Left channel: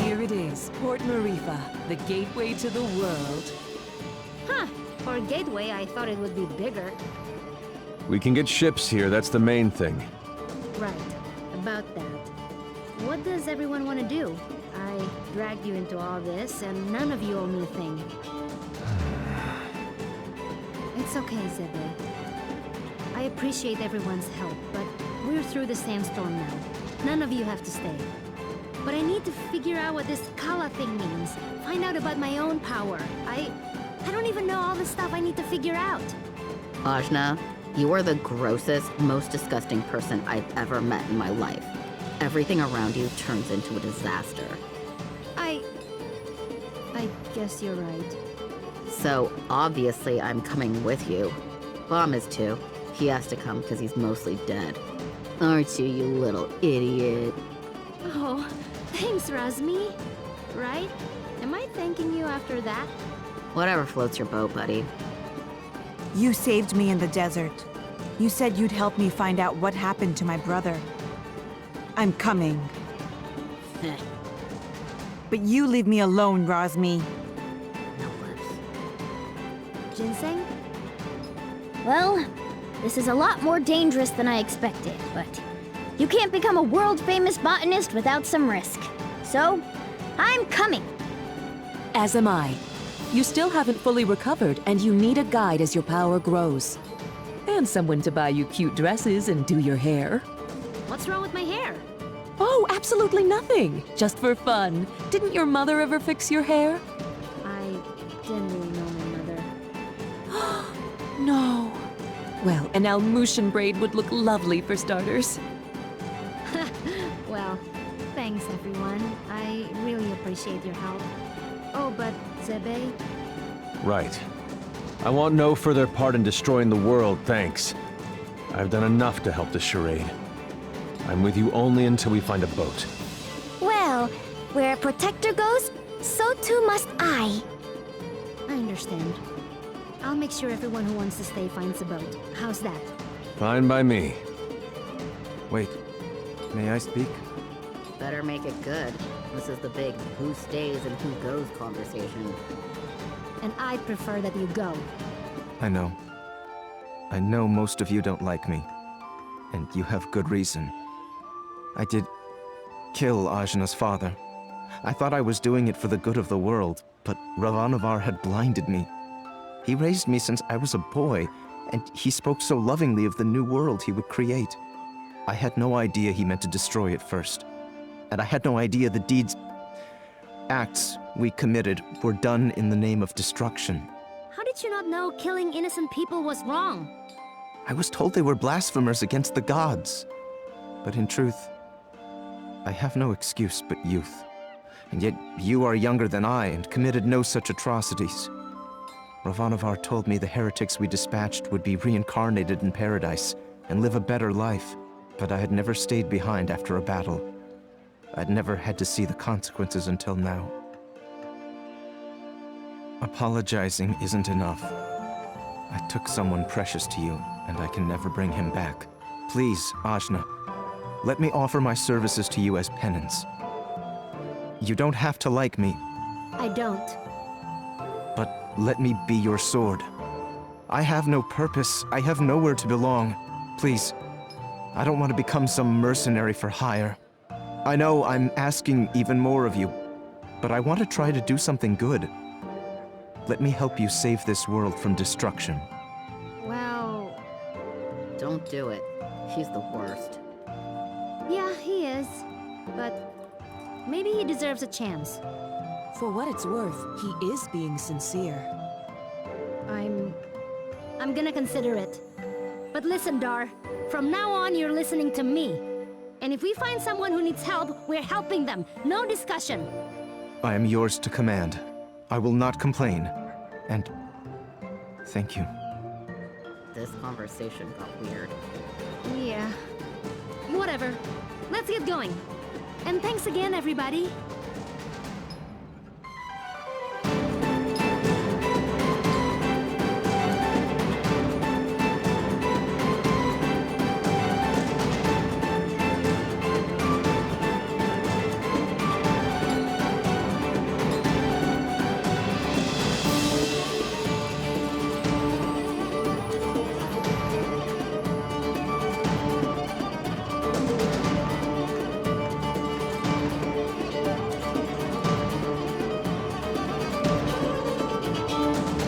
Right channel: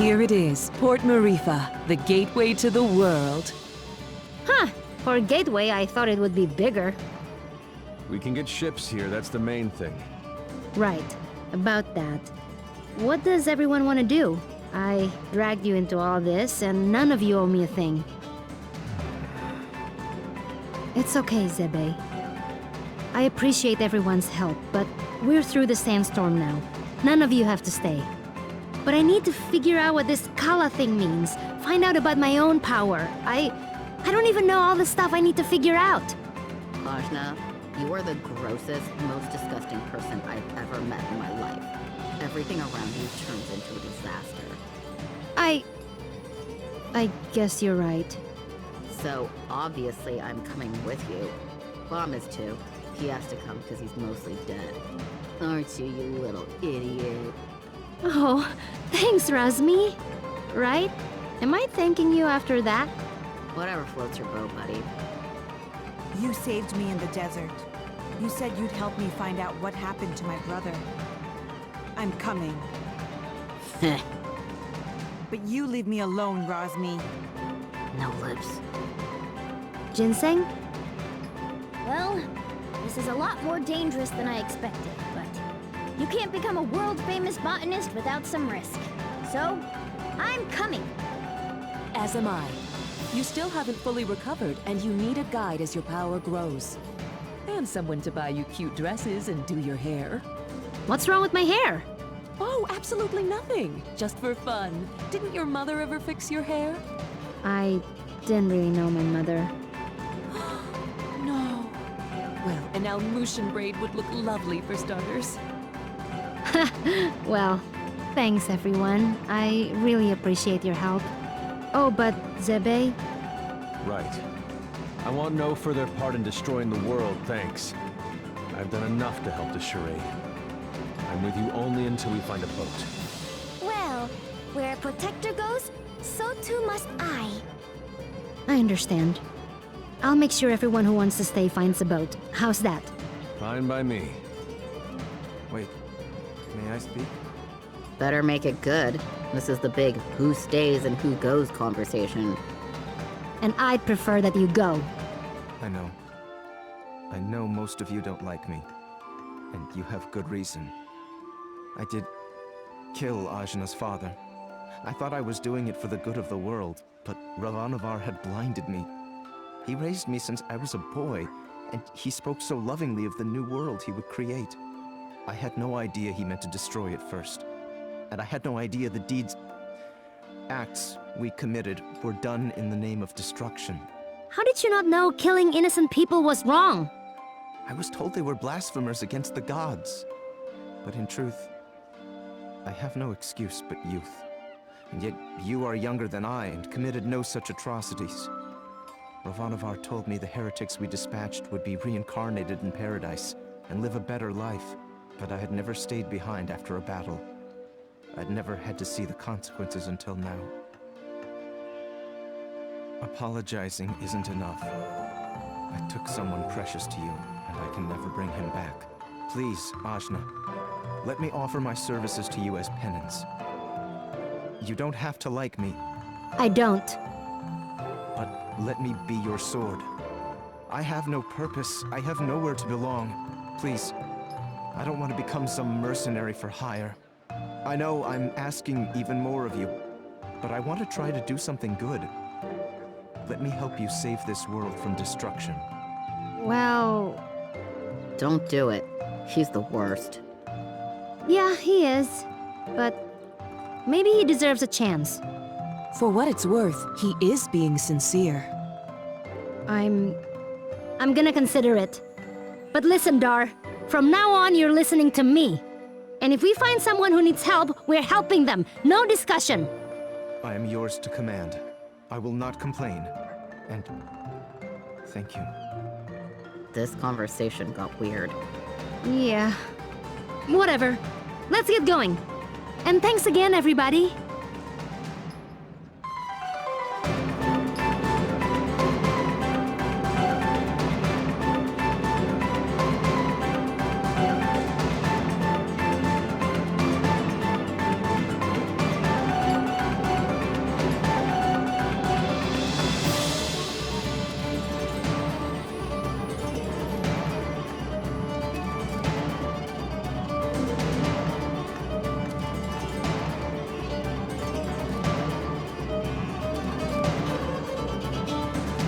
Here it is, Port Maerifa, the gateway to the world. Huh. For a gateway, I thought it would be bigger. We can get ships here, that's the main thing. Right. About that. What does everyone want to do? I dragged you into all this, and none of you owe me a thing. It's okay, Zebe. I appreciate everyone's help, but we're through the sandstorm now. None of you have to stay. But I need to figure out what this Kala thing means. Find out about my own power. I don't even know all the stuff I need to figure out. Ajna, you are the grossest, most disgusting person I've ever met in my life. Everything around you turns into a disaster. I guess you're right. So, obviously I'm coming with you. Bom is too. He has to come because he's mostly dead. Aren't you, you little idiot? Oh, thanks, Razmi. Right? Am I thanking you after that? Whatever floats your boat, buddy. You saved me in the desert. You said you'd help me find out what happened to my brother. I'm coming. Heh. But you leave me alone, Razmi. No lips. Ginseng? Well, this is a lot more dangerous than I expected, but you can't become a world-famous botanist without some risk. So, I'm coming. As am I. You still haven't fully recovered, and you need a guide as your power grows. And someone to buy you cute dresses and do your hair. What's wrong with my hair? Oh, absolutely nothing. Just for fun. Didn't your mother ever fix your hair? I didn't really know my mother. No. Well, an Almushan braid would look lovely for starters. Well, thanks everyone. I really appreciate your help. Oh, but Zebe? Right. I want no further part in destroying the world, thanks. I've done enough to help the charade. I'm with you only until we find a boat. Well, where a protector goes, so too must I. I understand. I'll make sure everyone who wants to stay finds a boat. How's that? Fine by me. Wait, may I speak? Better make it good. This is the big who stays and who goes conversation. And I'd prefer that you go. I know. I know most of you don't like me. And you have good reason. I did kill Ajna's father. I thought I was doing it for the good of the world, but Ravanavar had blinded me. He raised me since I was a boy, and he spoke so lovingly of the new world he would create. I had no idea he meant to destroy it first. And I had no idea the acts we committed were done in the name of destruction. How did you not know killing innocent people was wrong? I was told they were blasphemers against the gods. But in truth, I have no excuse but youth. And yet you are younger than I and committed no such atrocities. Ravanavar told me the heretics we dispatched would be reincarnated in paradise and live a better life. But I had never stayed behind after a battle. I'd never had to see the consequences until now. Apologizing isn't enough. I took someone precious to you, and I can never bring him back. Please, Ajna, let me offer my services to you as penance. You don't have to like me, I don't. but let me be your sword. I have no purpose. I have nowhere to belong. Please, I don't want to become some mercenary for hire. I know I'm asking even more of you, but I want to try to do something good. Let me help you save this world from destruction. Well, Don't do it. He's the worst. yeah, he is. But maybe he deserves a chance. For what it's worth, he is being sincere. I'm gonna consider it. But listen, Dar. From now on, you're listening to me. And if we find someone who needs help, we're helping them. No discussion. I am yours to command. I will not complain. And thank you. This conversation got weird. Yeah. Whatever. Let's get going. And thanks again, everybody.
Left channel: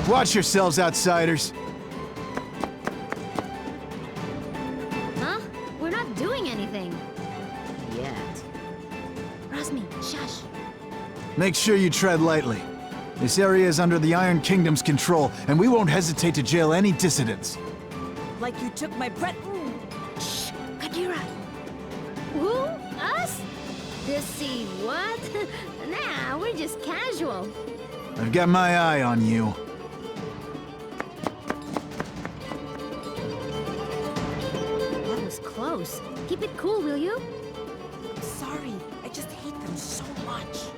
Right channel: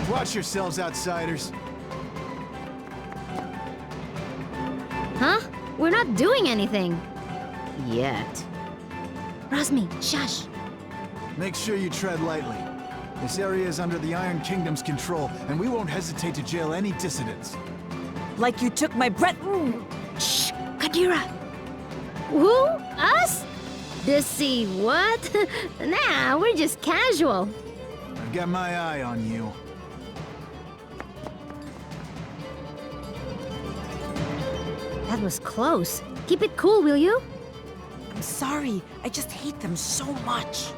Watch yourselves, outsiders. Huh? We're not doing anything. Yet. Razmi, shush. Make sure you tread lightly. This area is under the Iron Kingdom's control, and we won't hesitate to jail any dissidents. Like you took my breath. Shh, Kadira. Who? Us? Dissy what? Nah, we're just casual. I've got my eye on you. That was close. Keep it cool, will you? I'm sorry. I just hate them so much.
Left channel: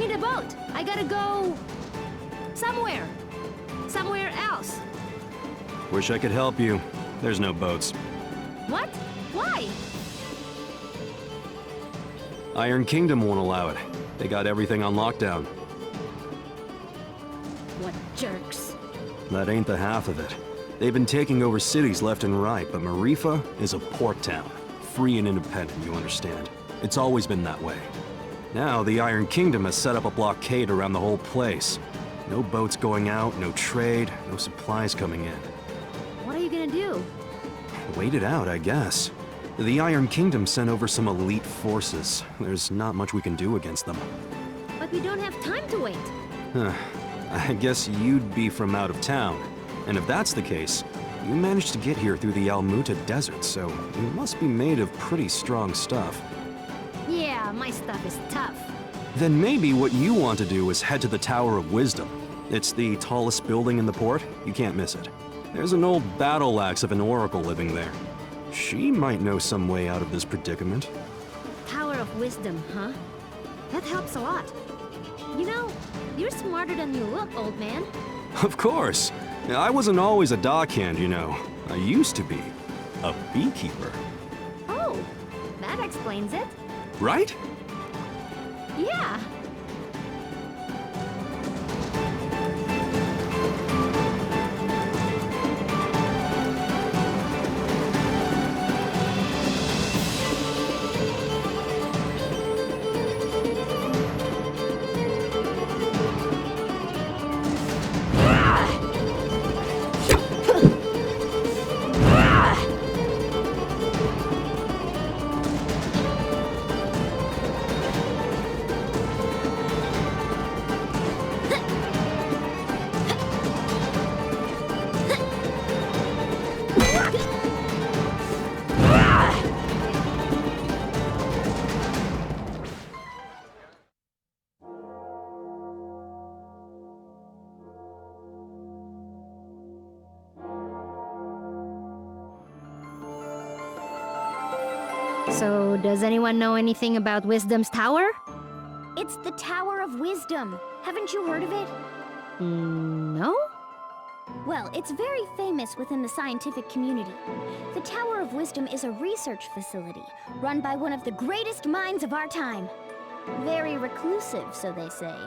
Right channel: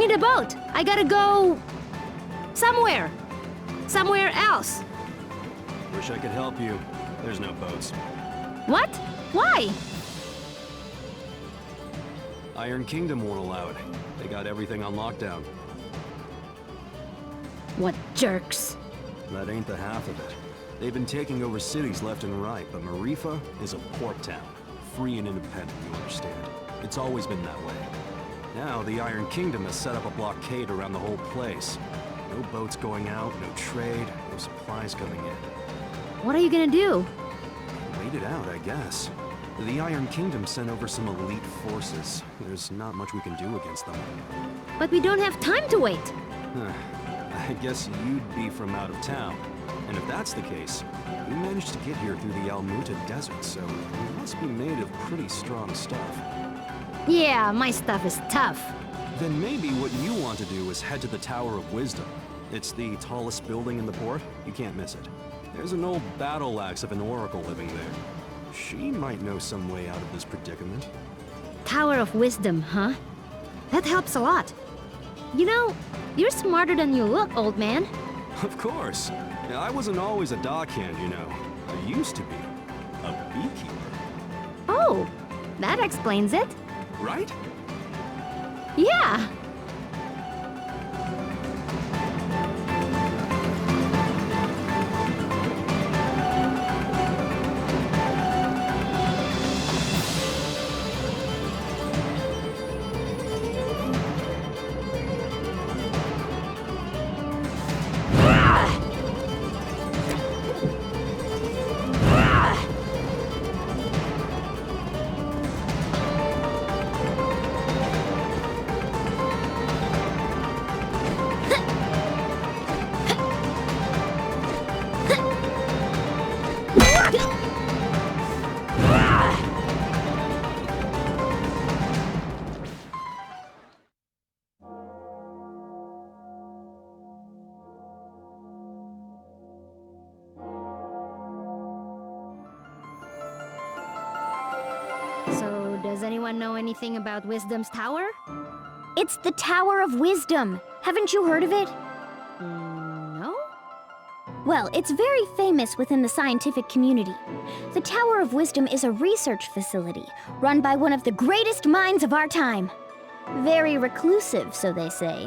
need a boat. I gotta go... somewhere. Somewhere else. Wish I could help you. There's no boats. What? Why? Iron Kingdom won't allow it. They got everything on lockdown. What jerks. That ain't the half of it. They've been taking over cities left and right, but Maerifa is a port town. Free and independent, you understand. It's always been that way. Now, the Iron Kingdom has set up a blockade around the whole place. No boats going out, no trade, no supplies coming in. What are you gonna do? Wait it out, I guess. The Iron Kingdom sent over some elite forces. There's not much we can do against them. But we don't have time to wait. I guess you'd be from out of town. And if that's the case, you managed to get here through the Almuta Desert, so you must be made of pretty strong stuff. Yeah, my stuff is tough. Then maybe what you want to do is head to the Tower of Wisdom. It's the tallest building in the port. You can't miss it. There's an old battle axe of an oracle living there. She might know some way out of this predicament. Tower of Wisdom, huh? That helps a lot. You know, you're smarter than you look, old man. Of course. I wasn't always a dockhand, you know. I used to be a beekeeper. Oh, that explains it. Right? Yeah. So, does anyone know anything about Wisdom's Tower? It's the Tower of Wisdom. Haven't you heard of it? No? Well, it's very famous within the scientific community. The Tower of Wisdom is a research facility run by one of the greatest minds of our time. Very reclusive, so they say.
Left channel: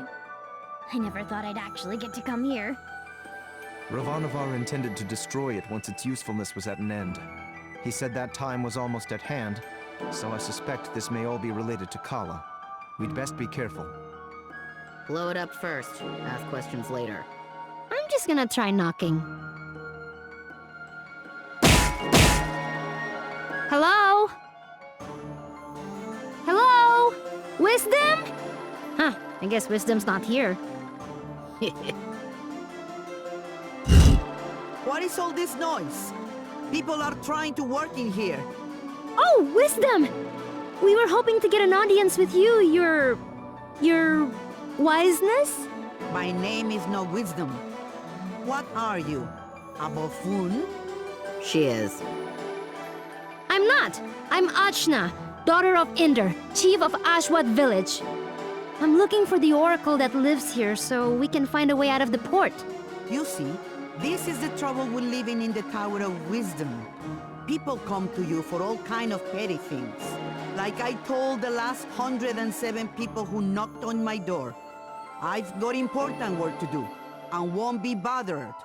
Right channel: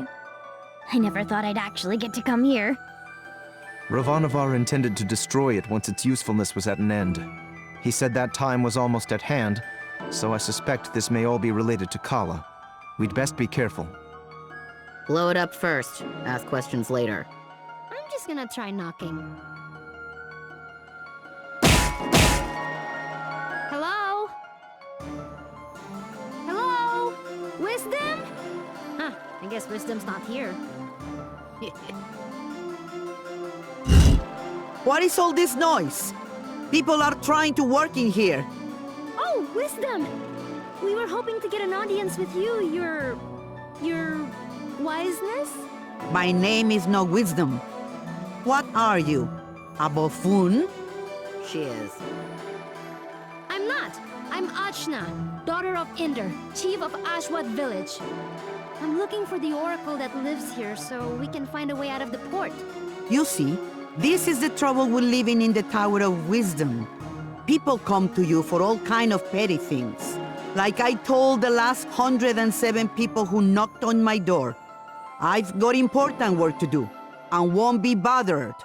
I never thought I'd actually get to come here. Ravanavar intended to destroy it once its usefulness was at an end. He said that time was almost at hand, so I suspect this may all be related to Kala. We'd best be careful. Blow it up first. Ask questions later. I'm just gonna try knocking. Hello? Hello? Wisdom? Huh, I guess Wisdom's not here. What is all this noise? People are trying to work in here. Oh, Wisdom! We were hoping to get an audience with you, your wiseness? My name is no Wisdom. What are you? A buffoon? She is. I'm not. I'm Achna, daughter of Inder, chief of Ashwat village. I'm looking for the oracle that lives here so we can find a way out of the port. You see, this is the trouble with living in the Tower of Wisdom. People come to you for all kind of petty things. Like I told the last 107 people who knocked on my door. I've got important work to do, and won't be bothered.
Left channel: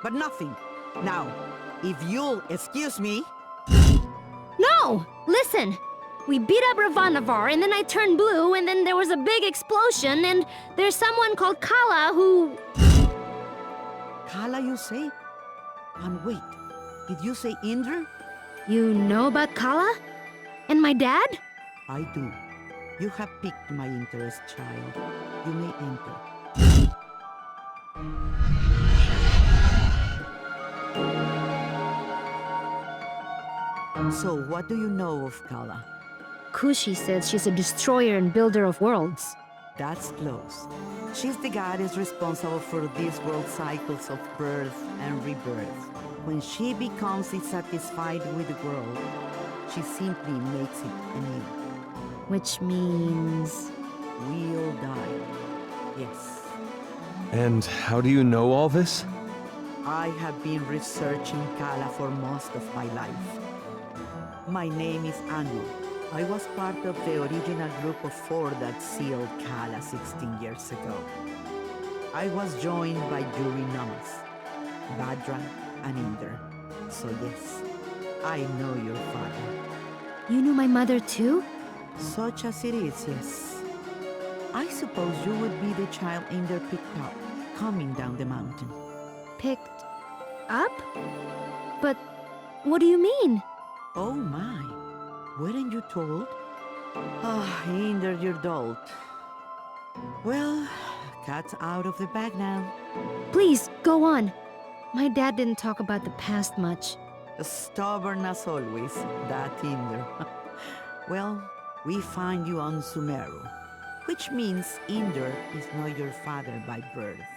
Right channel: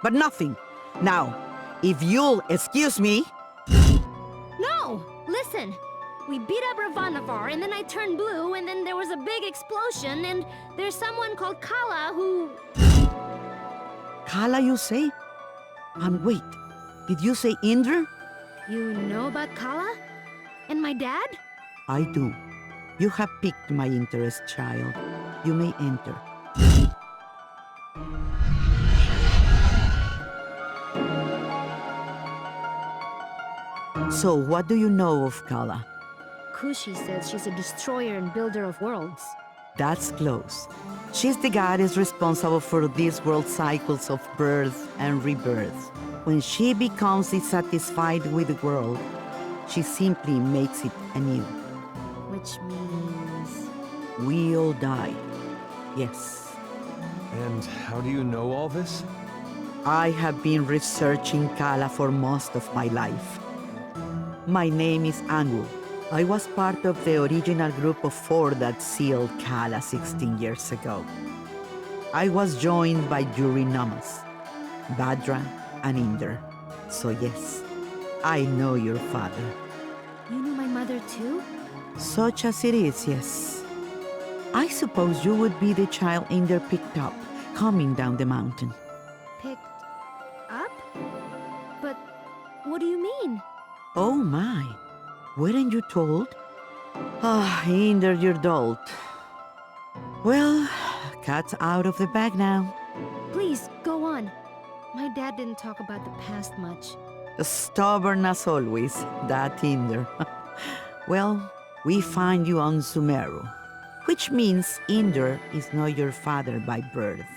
But nothing. Now, if you'll excuse me... No! Listen! We beat up Ravanavar, and then I turned blue, and then there was a big explosion, and there's someone called Kala who... Kala, you say? And wait, did you say Indra? You know about Kala? And my dad? I do. You have piqued my interest, child. You may enter. So, what do you know of Kala? Kushi says she's a destroyer and builder of worlds. That's close. She's the goddess responsible for these world cycles of birth and rebirth. When she becomes dissatisfied with the world, she simply makes it anew. Which means... We all die. Yes. And how do you know all this? I have been researching Kala for most of my life. My name is Angu. I was part of the original group of 4 that sealed Kala 16 years ago. I was joined by Yuri Namas, Badra, and Inder. So yes, I know your father. You knew my mother too? Such as it is, yes. I suppose you would be the child Inder picked up, coming down the mountain. Picked up? But what do you mean? Oh my, weren't you told? Ah, Inder, you're dolt. Well, cat's out of the bag now. Please, go on. My dad didn't talk about the past much. Stubborn as always, that Inder. Well, we find you on Sumeru, which means Inder is not your father by birth.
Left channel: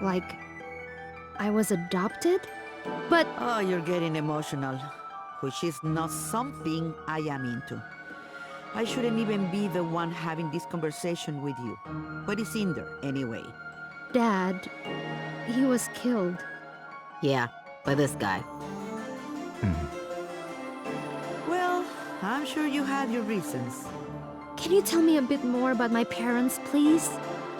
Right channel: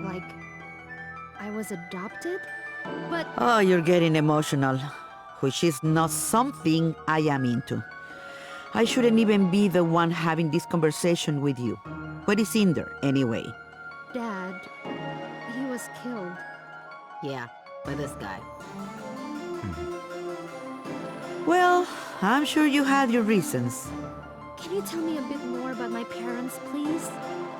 Like, I was adopted? But Oh, you're getting emotional, which is not something I am into. I shouldn't even be the one having this conversation with you. Where is Inder, anyway? Dad, he was killed. Yeah, by this guy. Well, I'm sure you had your reasons. Can you tell me a bit more about my parents, please?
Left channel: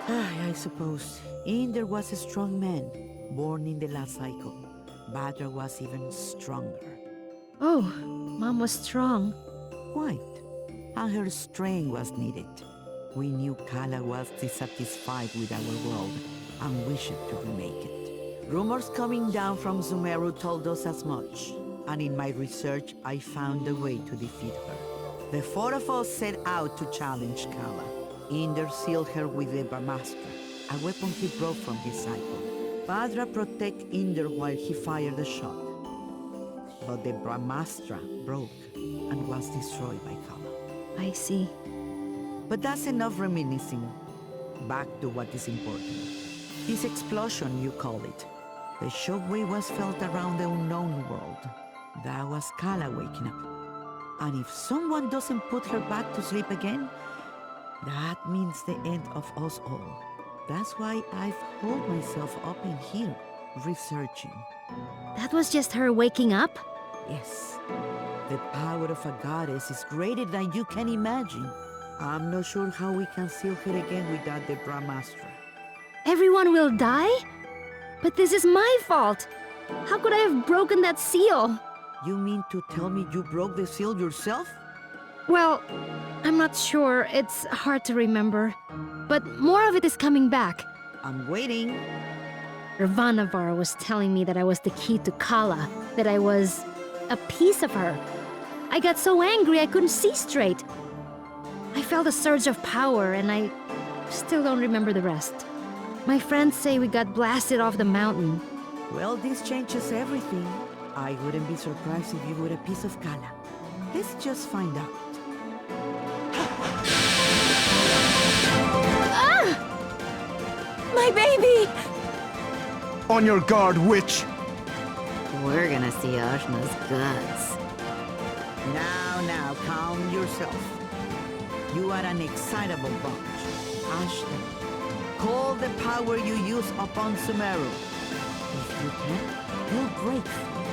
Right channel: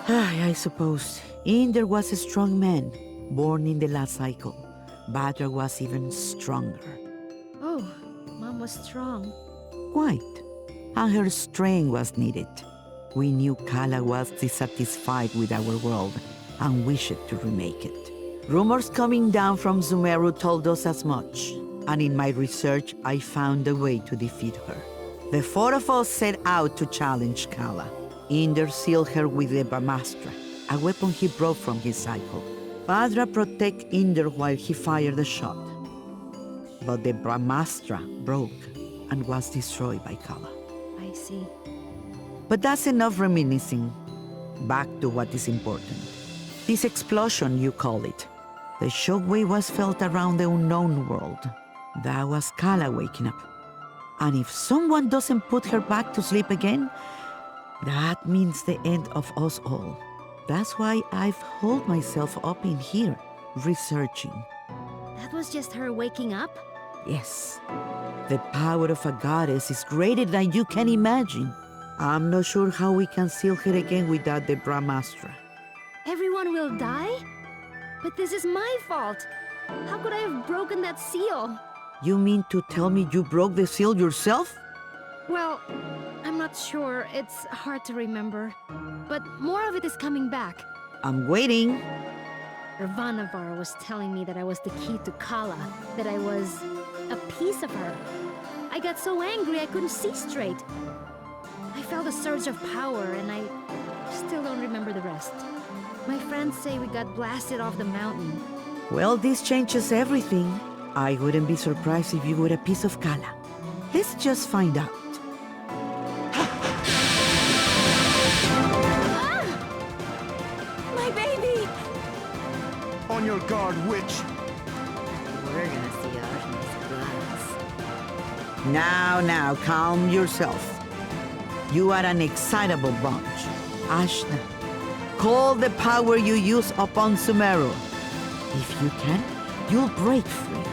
I suppose. Inder was a strong man, born in the last cycle. Badra was even stronger. Oh, Mom was strong. Quite. And her strength was needed. We knew Kala was dissatisfied with our world and wished to remake it. Rumors coming down from Sumeru told us as much, and in my research I found a way to defeat her. The 4 of us set out to challenge Kala. Inder sealed her with the Brahmastra, a weapon he brought from his cycle. Badra protected Inder while he fired the shot. But the Brahmastra broke and was destroyed by Kala. I see. But that's enough reminiscing. Back to what is important. This explosion, you call it. The shockwave was felt around the unknown world. That was Kala waking up. And if someone doesn't put her back to sleep again, that means the end of us all. That's why I've holed myself up in here, researching. That was just her waking up? Yes. The power of a goddess is greater than you can imagine. I'm not sure how we can seal her again without the Brahmastra. Everyone will die? But this is my fault. How could I have broken that seal? You mean to tell me you broke the seal yourself? Well, I'm not sure. It's hard to remember. But more of it is coming back. I'm waiting. Ravanavar was telling me that I was the key to Kala, that I was a piece of her. I got so angry I couldn't see straight. I felt a surge of power and I still don't remember the rest. My friends say we got blasted off the mountain. Well, this changes everything. I wouldn't be surprised if you were a piece of Kala. Let's just find out. My baby! On your guard, witch! We're gonna see Ajna's guts. Now, calm yourself. You are an excitable bunch. Ashna, call the power you use upon Sumeru. If you can, you'll break free.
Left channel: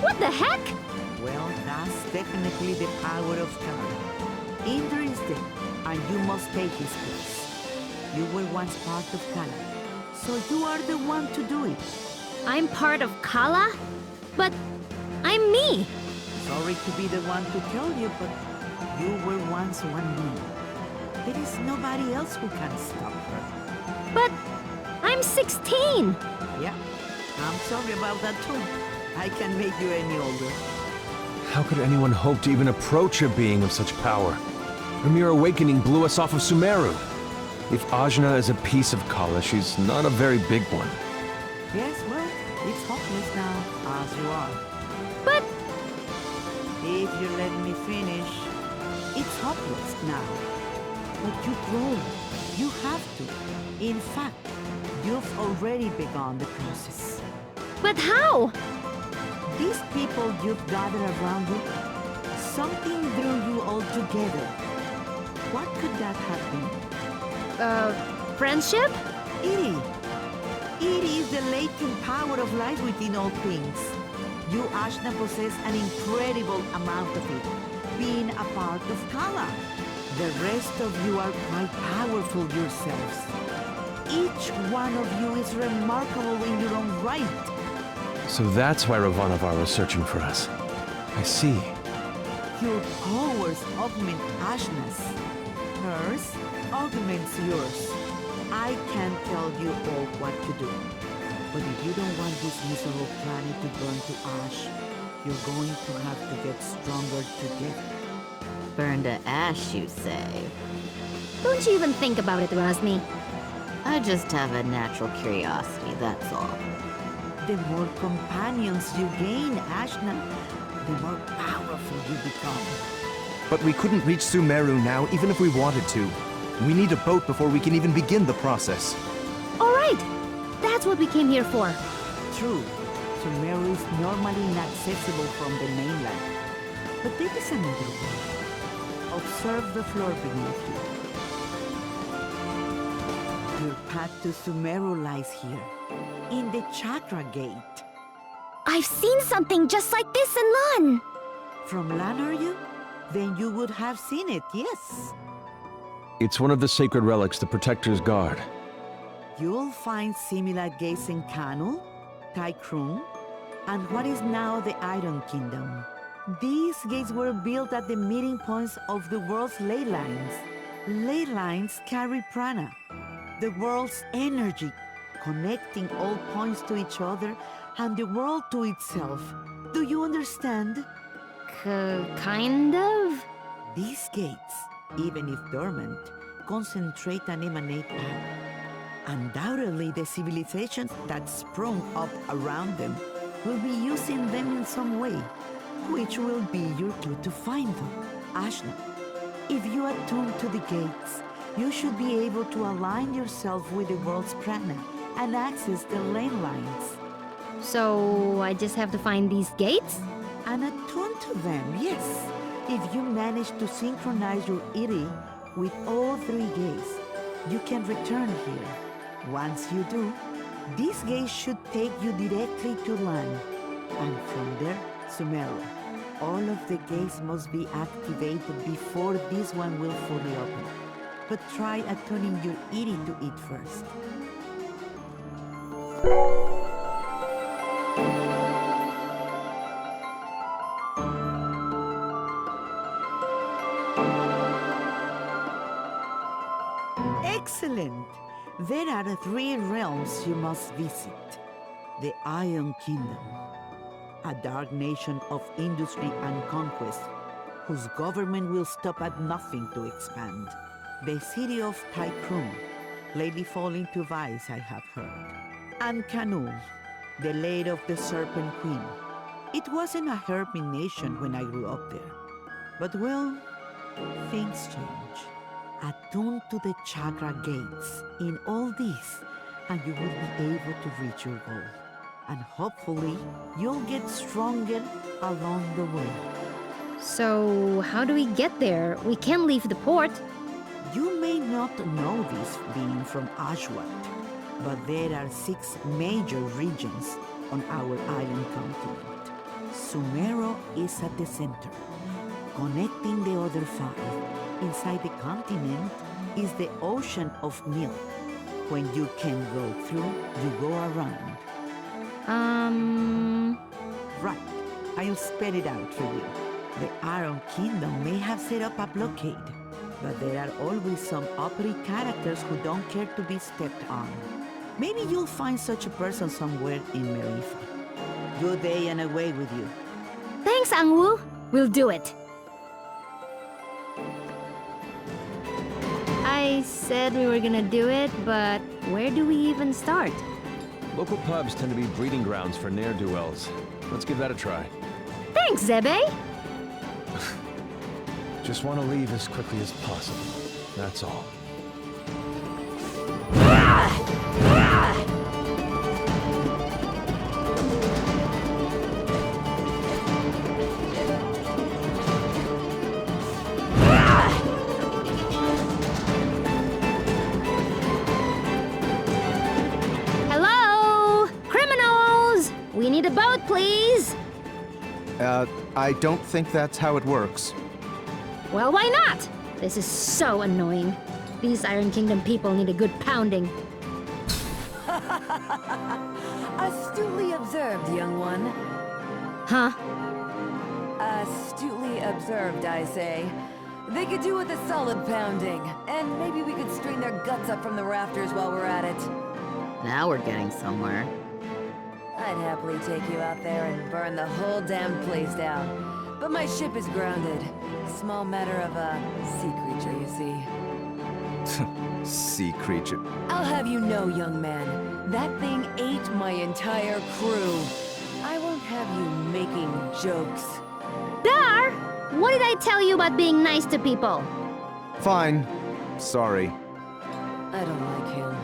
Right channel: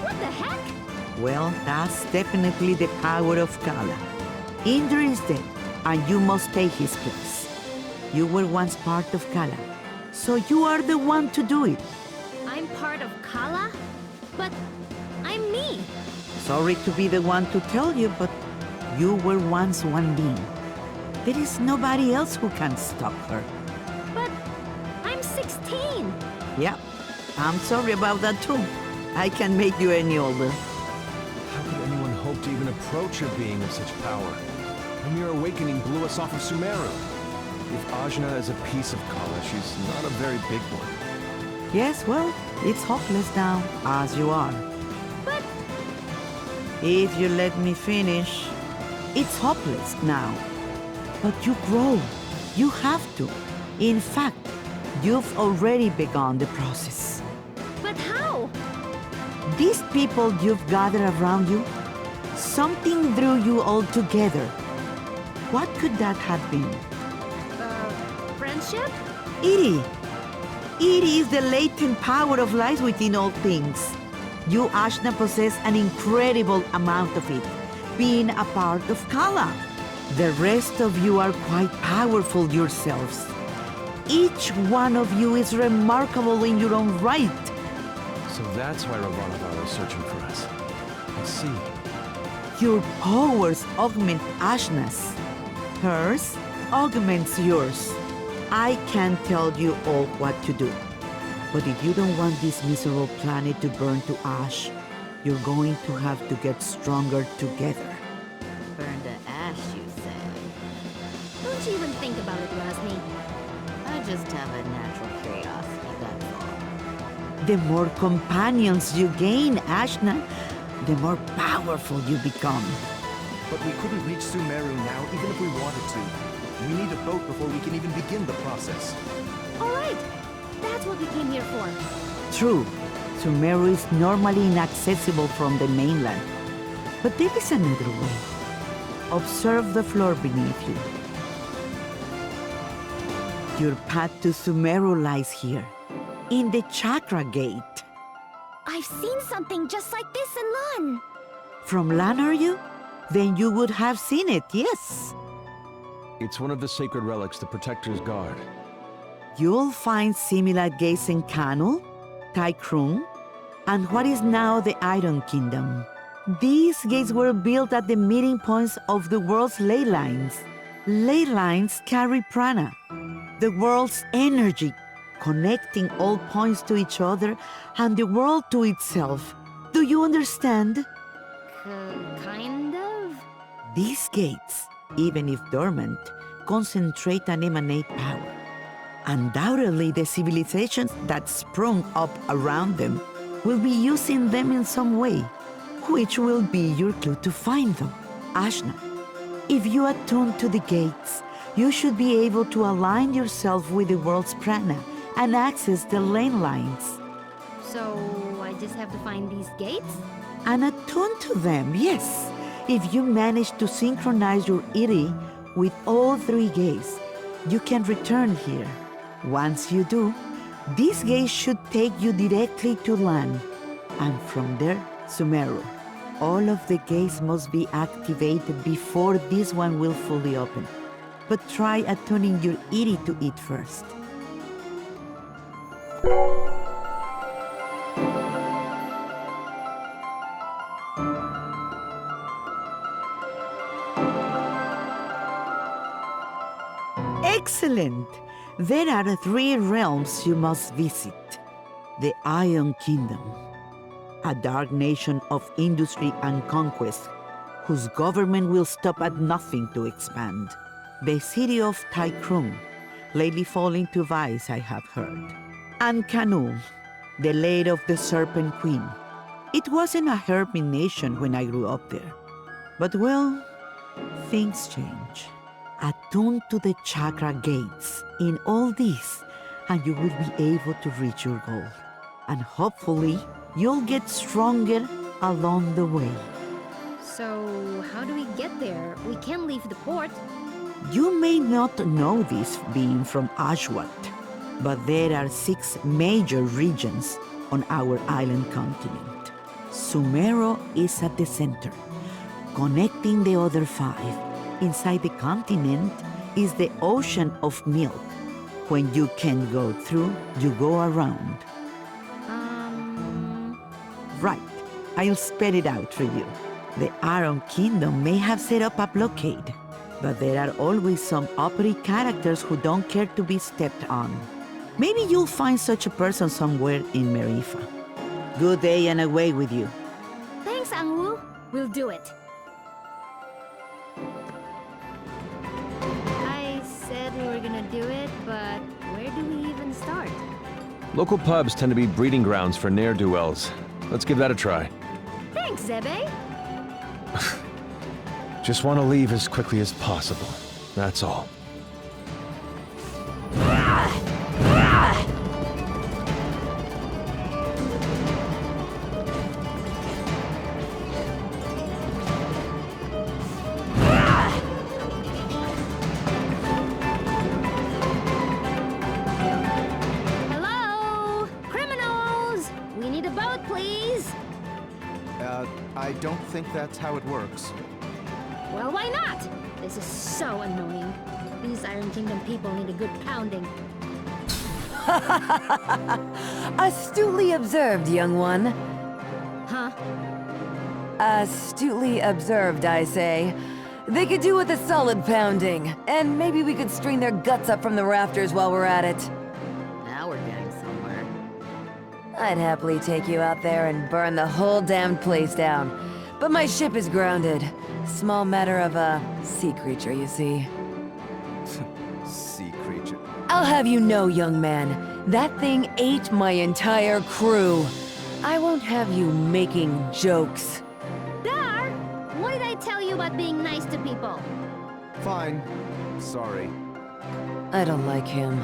What the heck? Well, that's definitely the power of Kala. Inder is dead, and you must take his place. You were once part of Kala, so you are the one to do it. I'm part of Kala? But I'm me. Sorry to be the one to tell you, but you were once one being. There is nobody else who can stop her. But I'm 16. Yeah, I'm sorry about that too. I can't make you any older. How could anyone hope to even approach a being of such power? Her mere awakening blew us off of Sumeru. If Ajna is a piece of Kala, she's not a very big one. Yes, well, it's hopeless now, as you are. But If you let me finish, it's hopeless now. But you grow. You have to. In fact, you've already begun the process. But how? These people you've gathered around you, something drew you all together. What could that have been? Friendship? Iri. Iri is the latent power of life within all things. You, Ashna, possess an incredible amount of it, being a part of Kala. The rest of you are quite powerful yourselves. Each one of you is remarkable in your own right. So that's why Ravanavar was searching for us. I see. Your powers augment Ashna's. Hers augments yours. I can't tell you all what to do. But if you don't want this miserable planet to burn to ash, you're going to have to get stronger together. Burn to ash, you say? Don't you even think about it, Rosmi. I just have a natural curiosity, that's all. The more companions you gain, Ashna, the more powerful you become. But we couldn't reach Sumeru now, even if we wanted to. We need a boat before we can even begin the process. All right! That's what we came here for. True, Sumeru is normally inaccessible from the mainland. But there is another way. Observe the floor beneath you. Your path to Sumeru lies here, in the Chakra Gate. I've seen something just like this in Lan. From Lan, are you? Then you would have seen it, yes. It's one of the sacred relics the Protectors guard. You'll find similar gates in Kanu, Taikrung, and what is now the Iron Kingdom. These gates were built at the meeting points of the world's ley lines. Ley lines carry prana, the world's energy, connecting all points to each other and the world to itself. Do you understand? Kind of? These gates, even if dormant, concentrate and emanate power. Undoubtedly, the civilizations that sprung up around them will be using them in some way, which will be your clue to find them. Ashna, if you attune to the gates, you should be able to align yourself with the world's prana and access the lane lines. So I just have to find these gates? And attune to them, yes. If you manage to synchronize your Iri with all three gates, you can return here. Once you do, these gates should take you directly to Lan, and from there, Sumeru. All of the gates must be activated before this one will fully open. But try attuning your Iri to it first. Excellent! There are 3 realms you must visit. The Iron Kingdom, a dark nation of industry and conquest, whose government will stop at nothing to expand. The city of Taikrung, lately falling to vice, I have heard. And Kanu, the lair of the Serpent Queen. It wasn't a hermit nation when I grew up there. But well, things change. Attune to the chakra gates in all this, and you will be able to reach your goal. And hopefully, you'll get stronger along the way. So, how do we get there? We can't leave the port. You may not know this being from Ashwat, but there are 6 major regions on our island continent. Sumeru is at the center, connecting the other 5. Inside the continent is the ocean of milk. When you can't go through, you go around. Right. I'll spell it out for you. The Iron Kingdom may have set up a blockade, but there are always some uppity characters who don't care to be stepped on. Maybe you'll find such a person somewhere in Maerifa. Good day and away with you. Thanks, Angwu. We'll do it. I said we were gonna do it, but where do we even start? Local pubs tend to be breeding grounds for ne'er-do-wells. Let's give that a try. Thanks, Zebe. Just want to leave as quickly as possible. That's all. Hello? Criminals! We need a boat, please! I don't think that's how it works. Well, why not? This is so annoying. These Iron Kingdom people need a good pounding. Astutely observed, young one. Huh? Astutely observed, I say. They could do with a solid pounding, and maybe we could string their guts up from the rafters while we're at it. Now we're getting somewhere. I'd happily take you out there and burn the whole damned place down. But my ship is grounded. Small matter of a sea creature, you see. Sea creature. I'll have you know, young man, that thing ate my entire crew. I won't have you making jokes. Dar! What did I tell you about being nice to people? Fine. Sorry. I don't like him.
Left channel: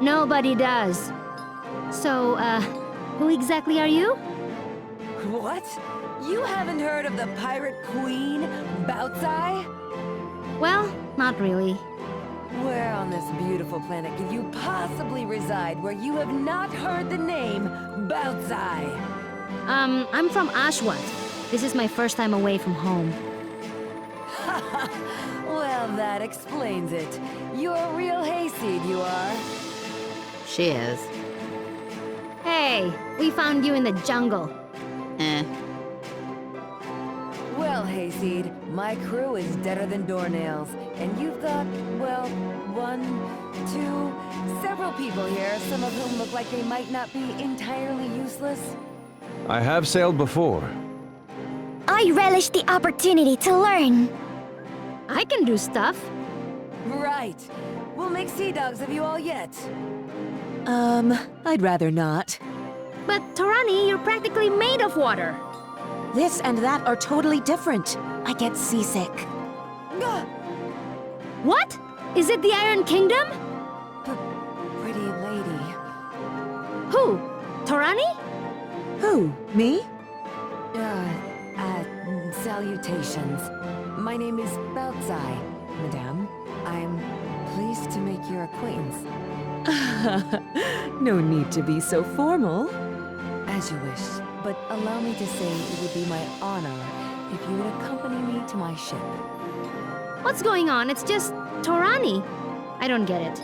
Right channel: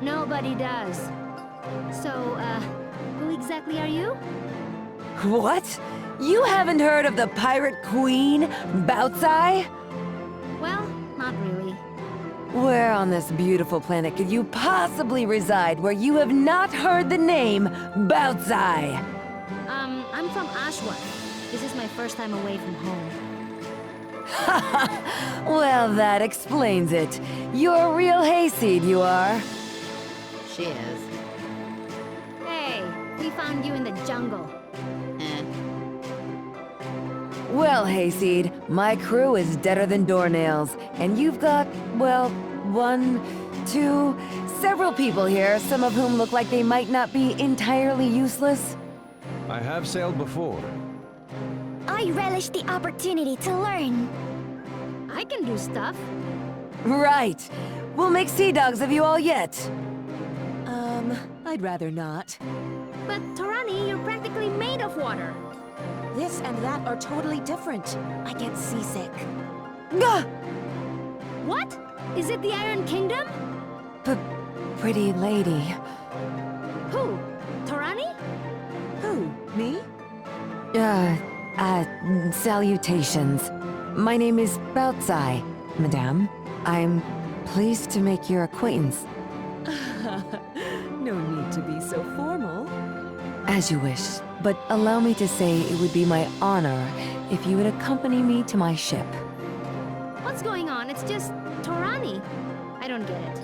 Nobody does. So, who exactly are you? What? You haven't heard of the pirate queen, Bautzai? Well, not really. Where on this beautiful planet could you possibly reside where you have not heard the name Bautzai? I'm from Ashwat. This is my first time away from home. Well, that explains it. You're a real hayseed, you are. She is. Hey, we found you in the jungle. Well, hayseed, my crew is deader than doornails, and you've got, well, one, two, several people here, some of whom look like they might not be entirely useless. I have sailed before. I relish the opportunity to learn. I can do stuff. Right. We'll make sea dogs of you all yet. I'd rather not. But Torani, you're practically made of water. This and that are totally different. I get seasick. Gah! What? Is it the Iron Kingdom? Pretty lady. Who? Torani? Who? Me? Salutations. My name is Bautzai, madame. I'm pleased to make your acquaintance. No need to be so formal. As you wish, but allow me to say it would be my honor if you would accompany me to my ship. What's going on? It's just Torani. I don't get it.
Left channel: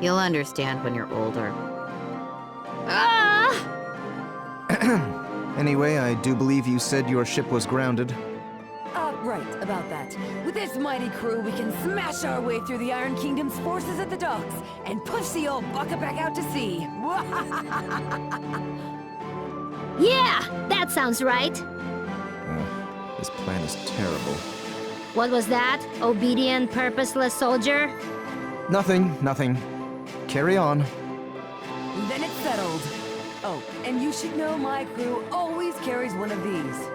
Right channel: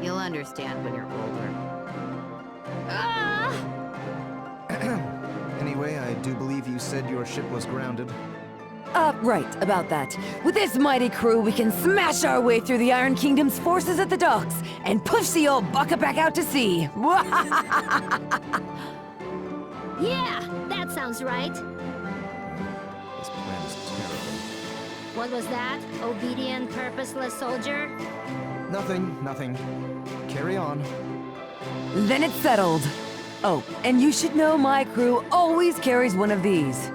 You'll understand when you're older. Ah! Anyway, I do believe you said your ship was grounded. Right, about that. With this mighty crew, we can smash our way through the Iron Kingdom's forces at the docks and push the old bucket back out to sea. Yeah, that sounds right. This plan is terrible. What was that? Obedient, purposeless soldier? Nothing. Carry on. Then it's settled. Oh, and you should know my crew always carries one of these.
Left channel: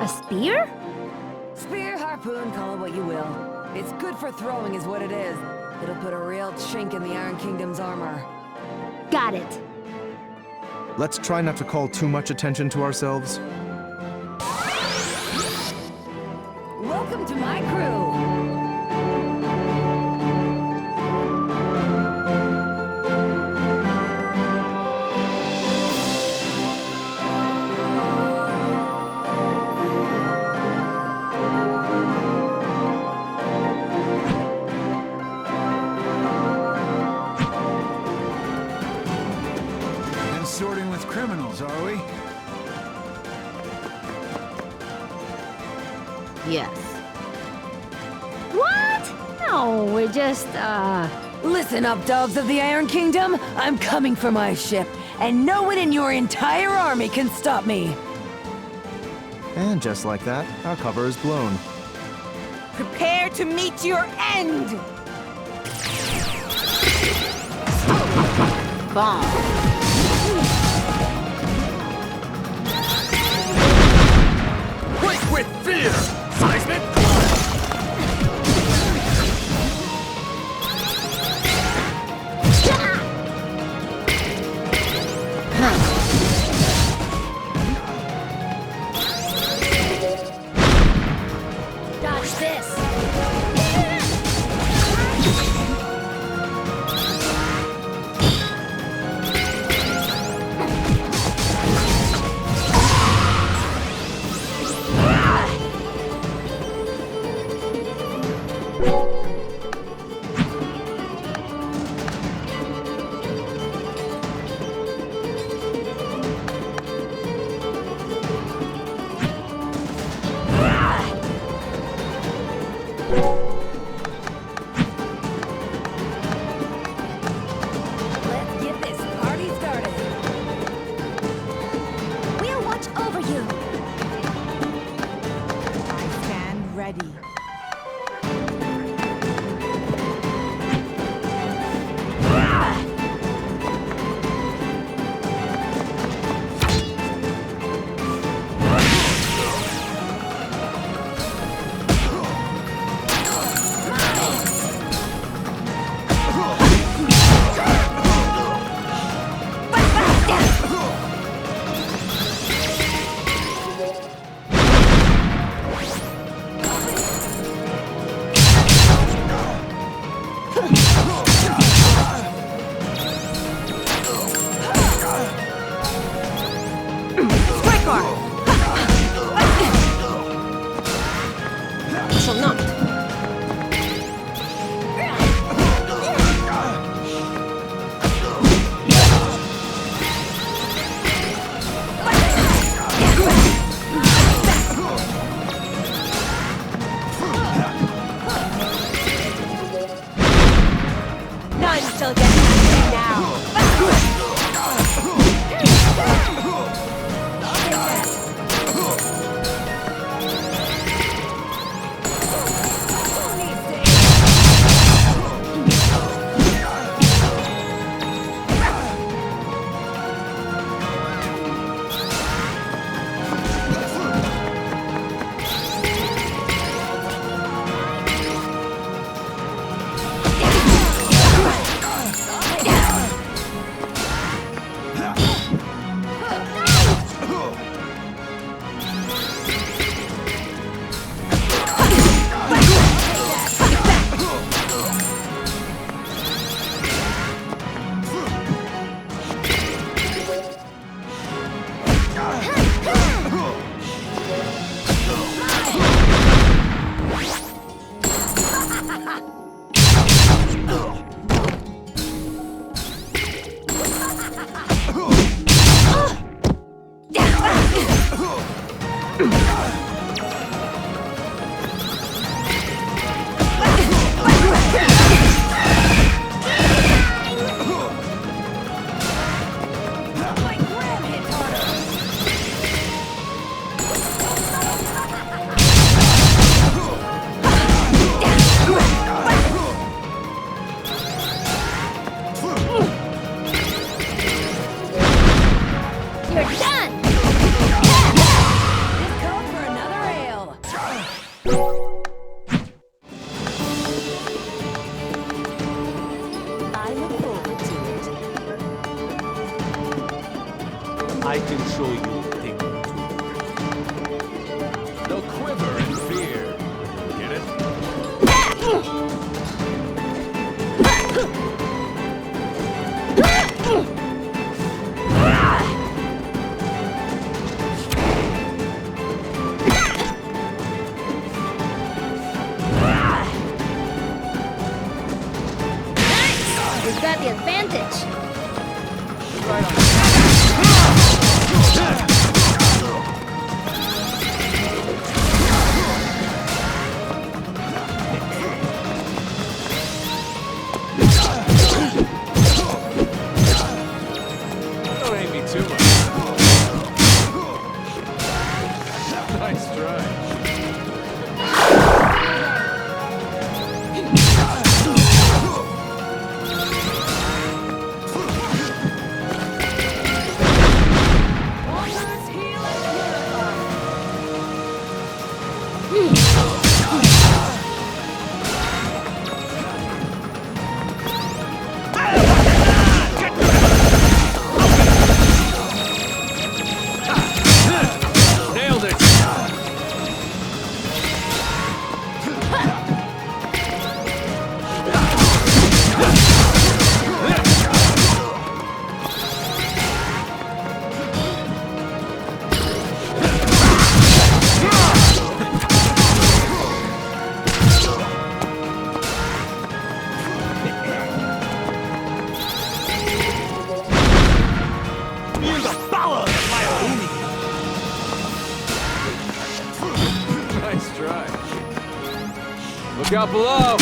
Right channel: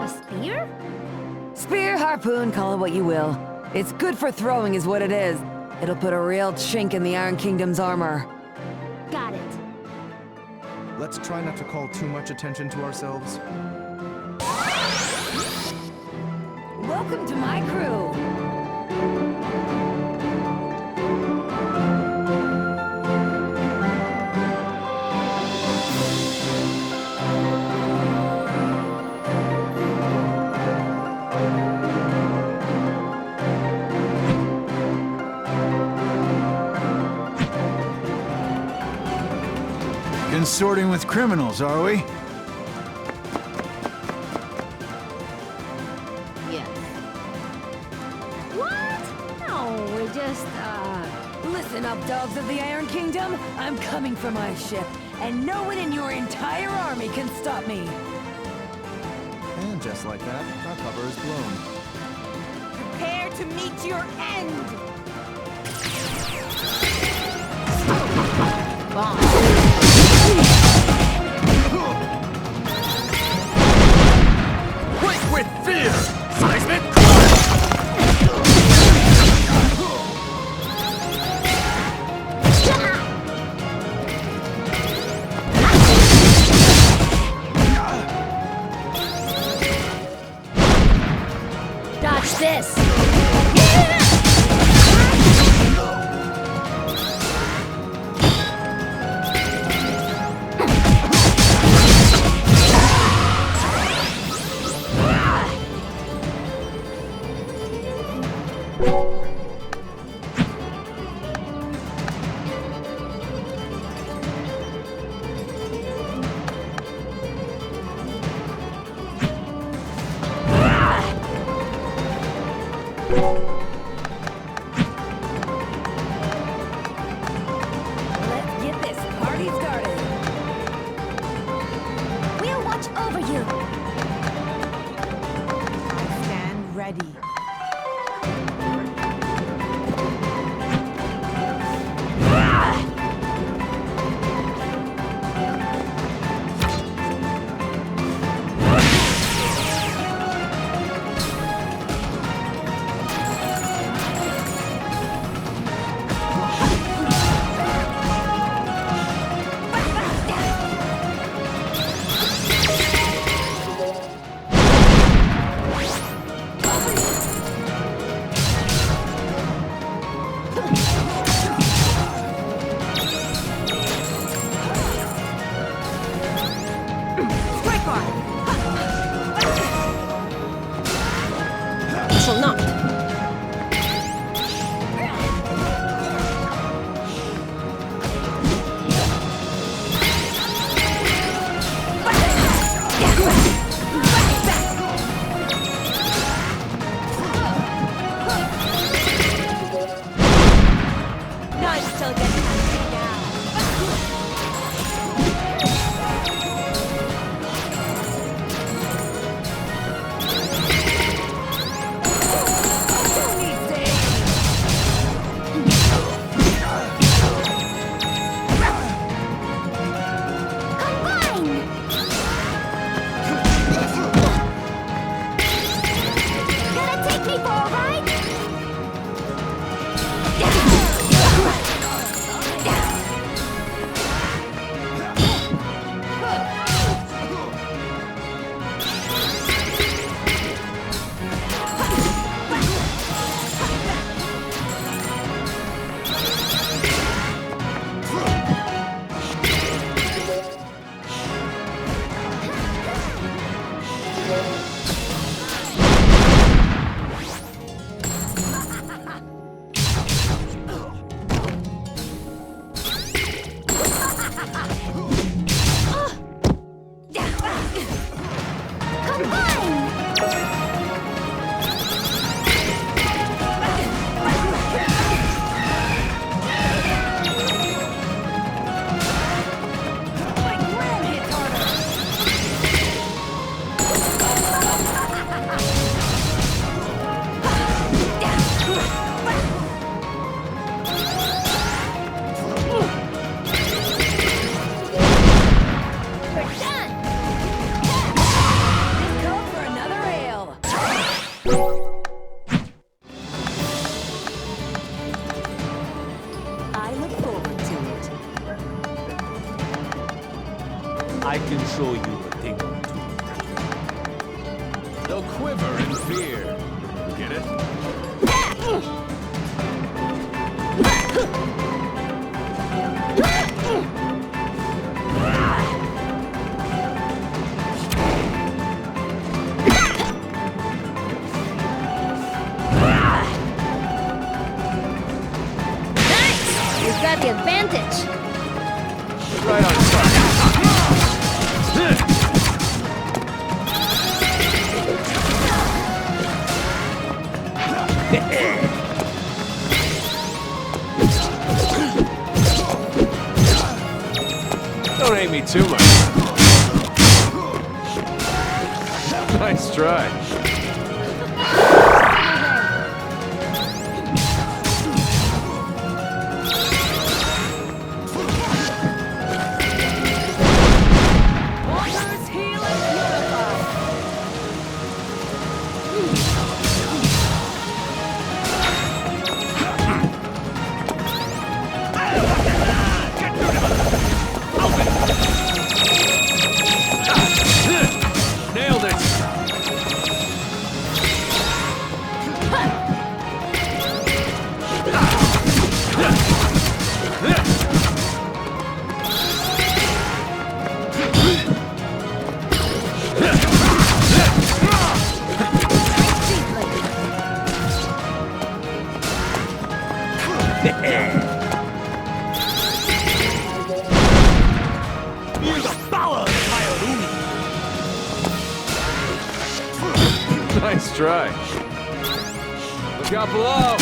A spear? Spear, harpoon, call it what you will. It's good for throwing is what it is. It'll put a real chink in the Iron Kingdom's armor. Got it. Let's try not to call too much attention to ourselves. Welcome to my crew! Consorting with criminals, are we? Yes. What? No, we're just, Listen up, dogs of the Iron Kingdom! I'm coming for my ship, and no one in your entire army can stop me! And just like that, our cover is blown. Prepare to meet your end! Bomb. Quake with fear! Seismic Dodge this! Let's get this party started. We'll watch over you. I stand ready. Shall not. None shall get past me now. Who needs to Gonna take me for a ride? My gram hits harder. You're done! This calls for another ale. I look forward to it. I can show you a thing or two. They'll quiver in fear. Get it? You've got the advantage. Right on. Don't hate me too much. Nice try. Nailed it! Feel the power of my Arumi! Nice try. Look out below!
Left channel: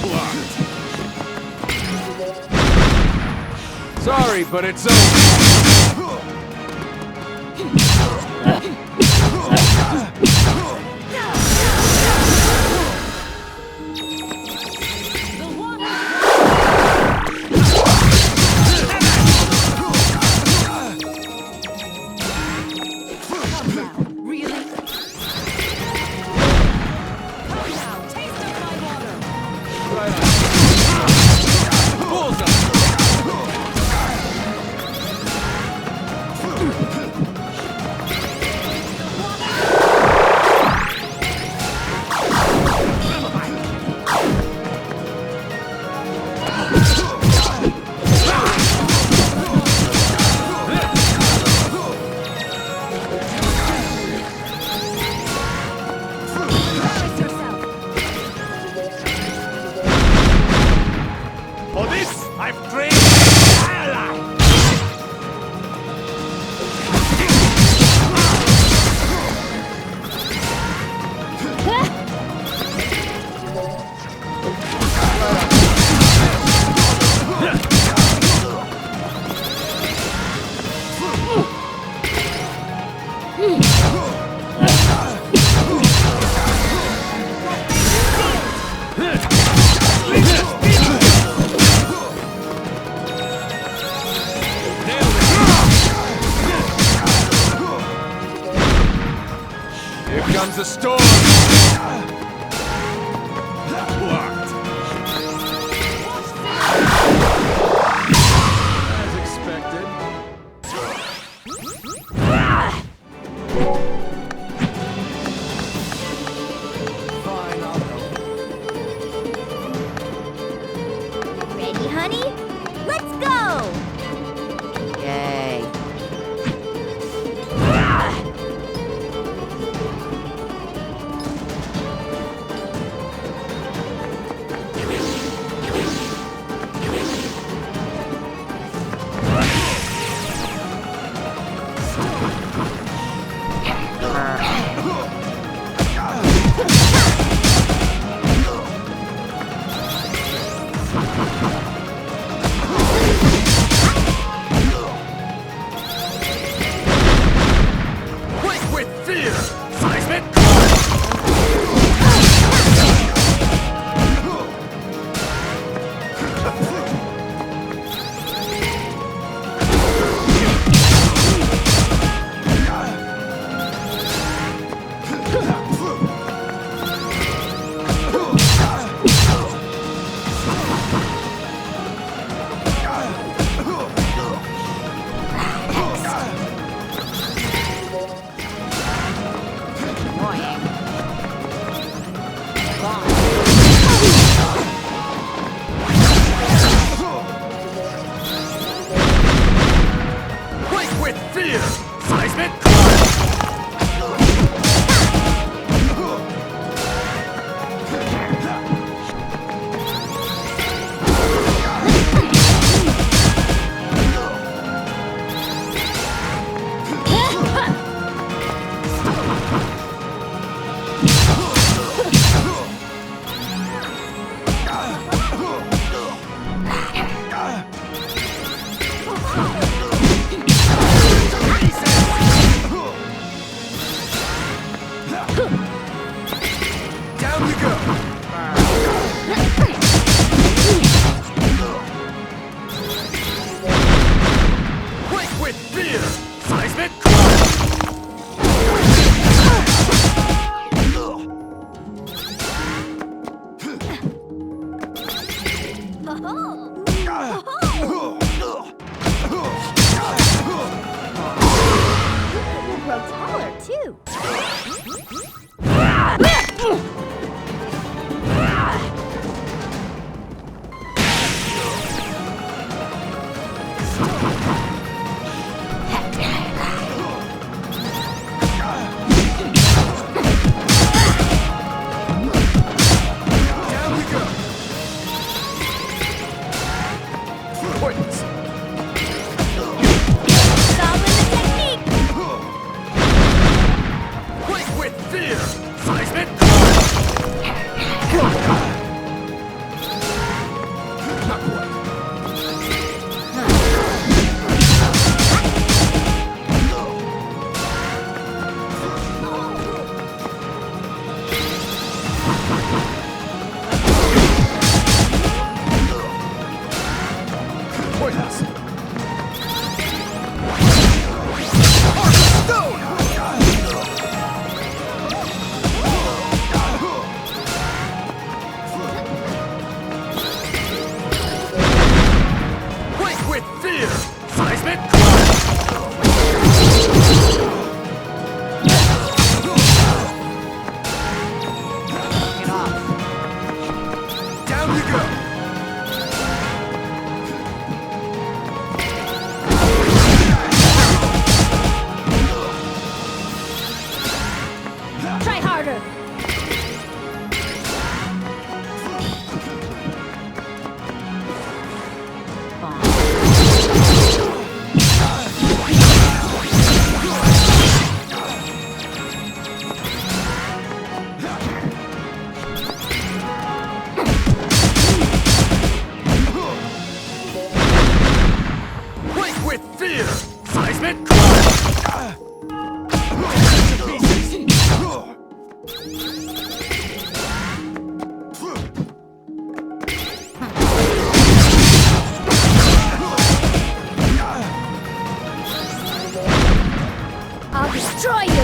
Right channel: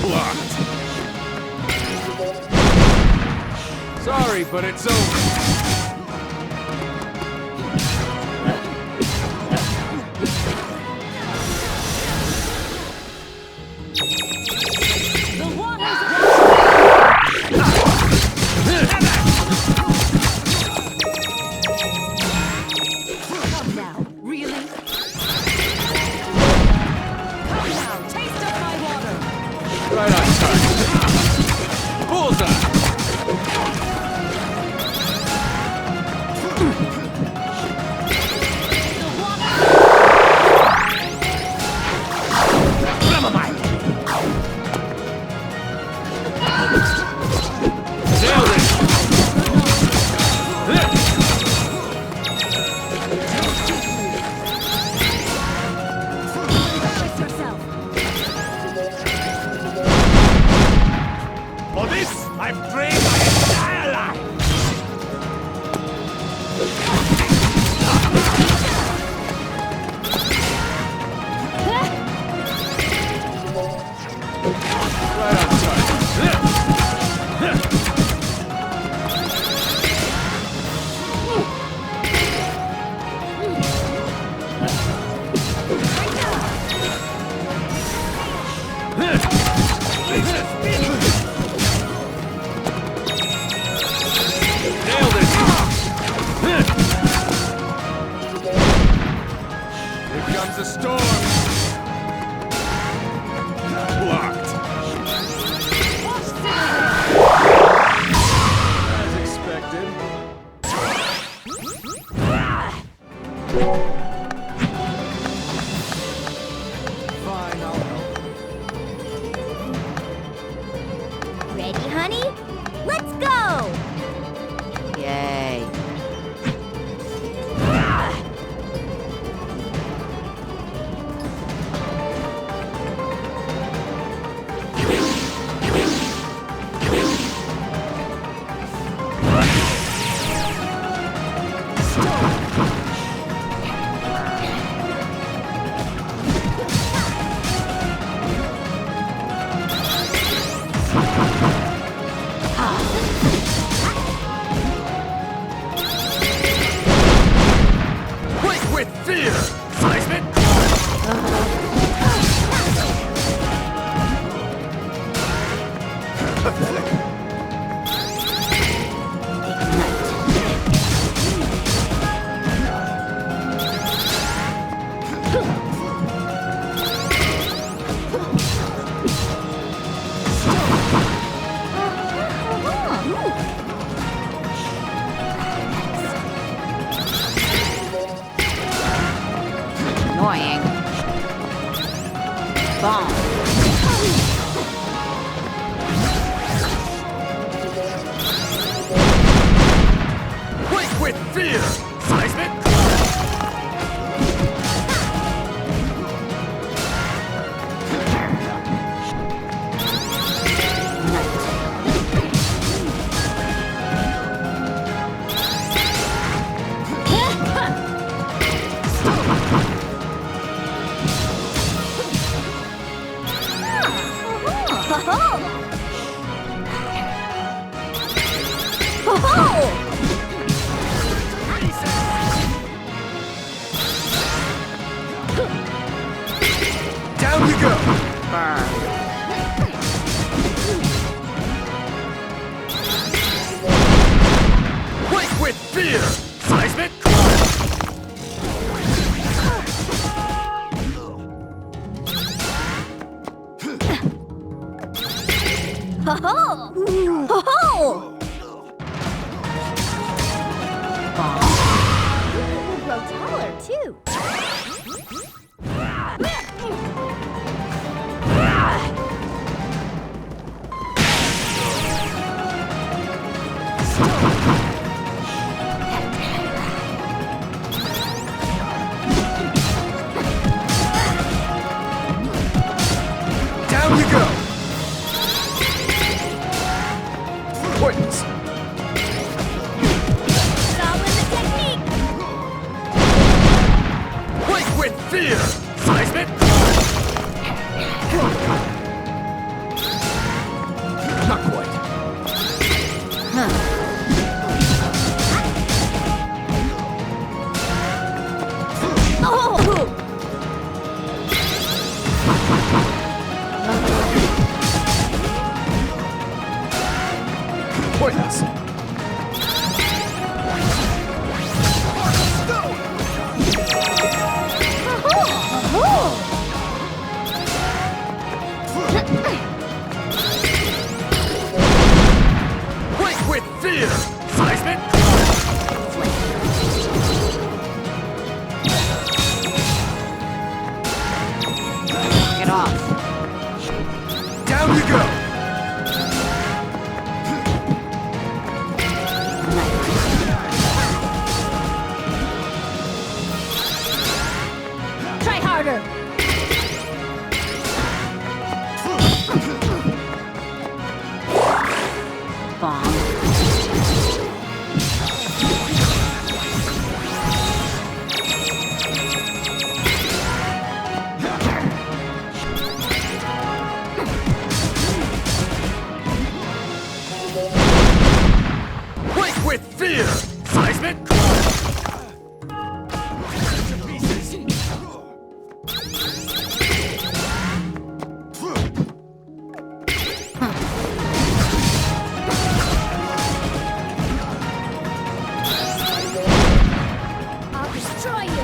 Blocked. Sorry, but it's over. Right on. Bullseye! For this, I've trained my entire life! Here comes the storm! Blocked. As expected. Fine, I'll help. Ready, honey? Let's go! Yay. Quick with fear! Seismic! Annoying. Bomb. Quick with fear! Seismic! Oh! with fear! Seismic crush! Ho-ho! Ho-ho! You will grow taller, too. Down you go! Points! Following the technique! Quake with fear! Seismic crush! Not quite. Points! Quake with fear! Seismic Get off. Down you go! Try harder! Quake with fear! Seismic crush! I'll destroy you!